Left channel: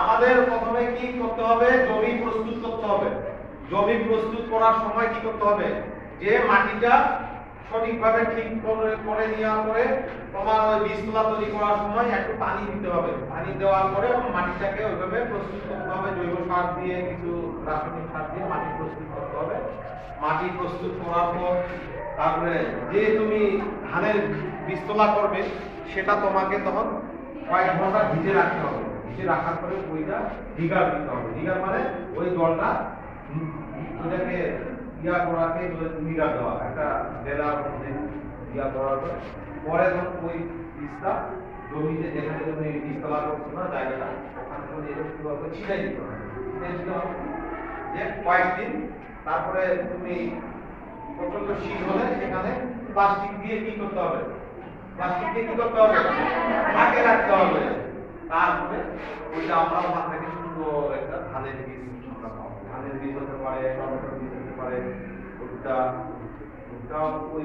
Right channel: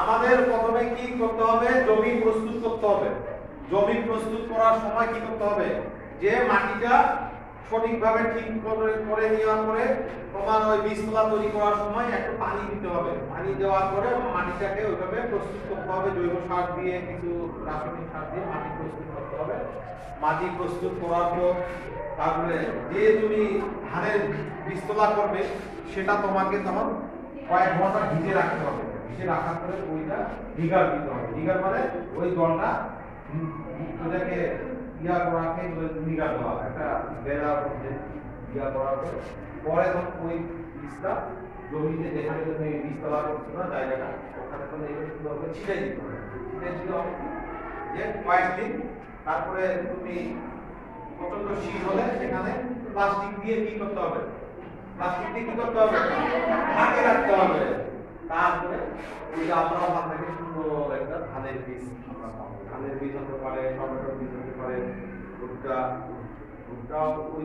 আমাদের প্রথমে কি করতে হবে? জমি প্রস্তুত করতে হবে। জমি প্রস্তুত করার সময় কি করতে হবে? যে মাটিটা সঠিকভাবে ঠিক করে নেওয়ার পরে তোমার ওই বীজতলা তৈরি করার সময় একটু পানি দিতে হবে। পানি দেওয়ার পরে মাটিটাকে ওইভাবে প্রস্তুত করতে হবে, জৈব সার দিয়ে কিছু রাসায়নিক সার দিয়ে মাটি প্রস্তুত করতে হবে। মাটি প্রস্তুত করার পর তারপরে যে তুমি ধানের বীজতলা করবে সেটা তোমাকে তখন কয়েক ঘন্টা ভিজে রাখতে হবে। ভিজে রাখার পরে ওইটা ডিগার দিতে হবে। ডিগার মানে ওই জলটা ওইটাকে করাকে ডিগার দেওয়া, একটা বেলার মধ্যে করার পরে পরে তখন ওই বীজটা জমিতে যেখানে তুমি বীজতলা করছো না জায়গাটা ওখানে তুমি এরকম ছিটাই দিতে হবে। ছিটাই দিতে হবে যে কয়েকদিন। তারপরে তুমি প্রচন্ড শীত হলে সেখানে প্লাস্টিক দিয়ে কি করতে হবে? প্লাস্টিক দিয়ে কি করতে হবে? ঢেকে রাখতে হবে। তারপরে ওইটা আমরা ওখান থেকে সুন্দর একটা ধানের বীজ আমরা পাবো। ধানের বীজ হতে পারে, টমেটোর বীজ হতে পারে, ভুট্টা, ভুট্টা ওই